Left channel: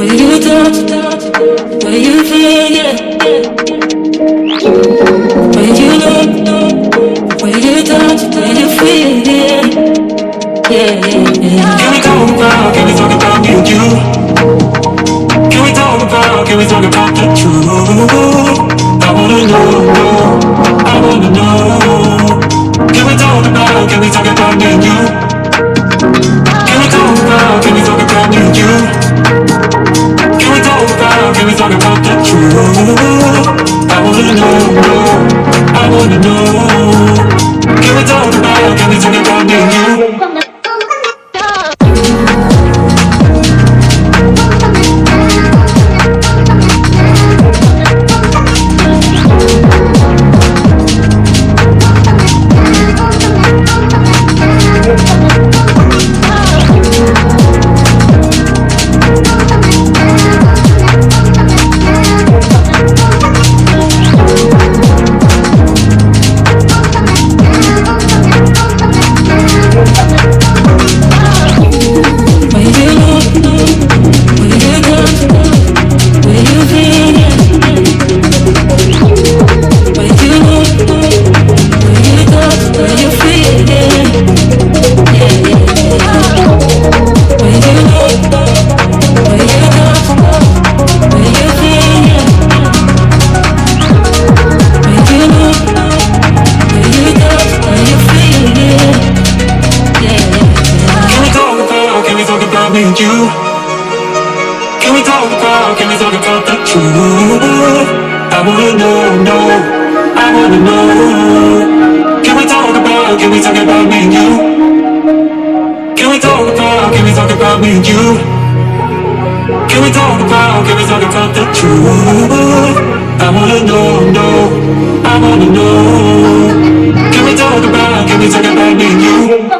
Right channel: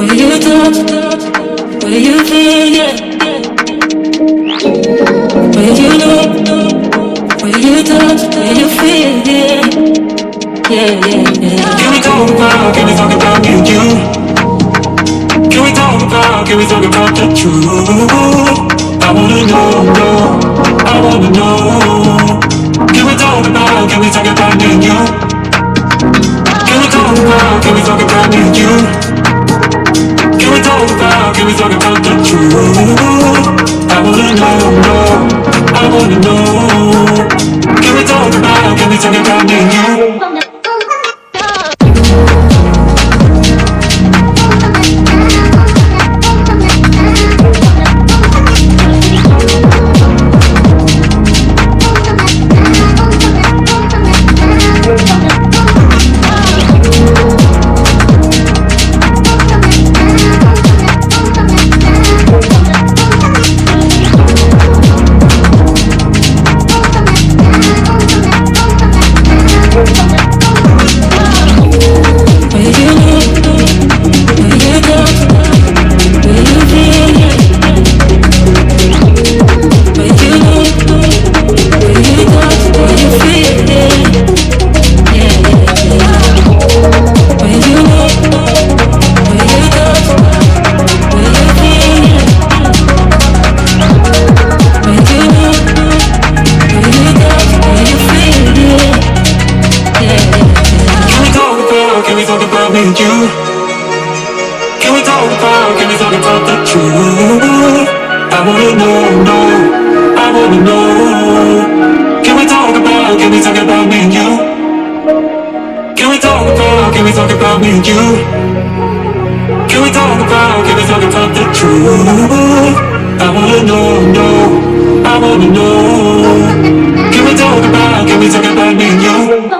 Where you touch, where you feel, yeah. Where you look, where you touch, where you feel, yeah. Yeah, yeah, yeah. Can we talk about me and you? Can we talk about the truth? I wanna know, I wanna know. Can we talk about me and you? Can we talk about me and you? Can we talk about the truth? I wanna know, I wanna know. Can we talk about me and you? Can we talk about the truth? I wanna know, I wanna know. Can we talk about me and you? Can we talk about me and you? Can we talk about the truth? I wanna know, I wanna know. Can we talk about me and you?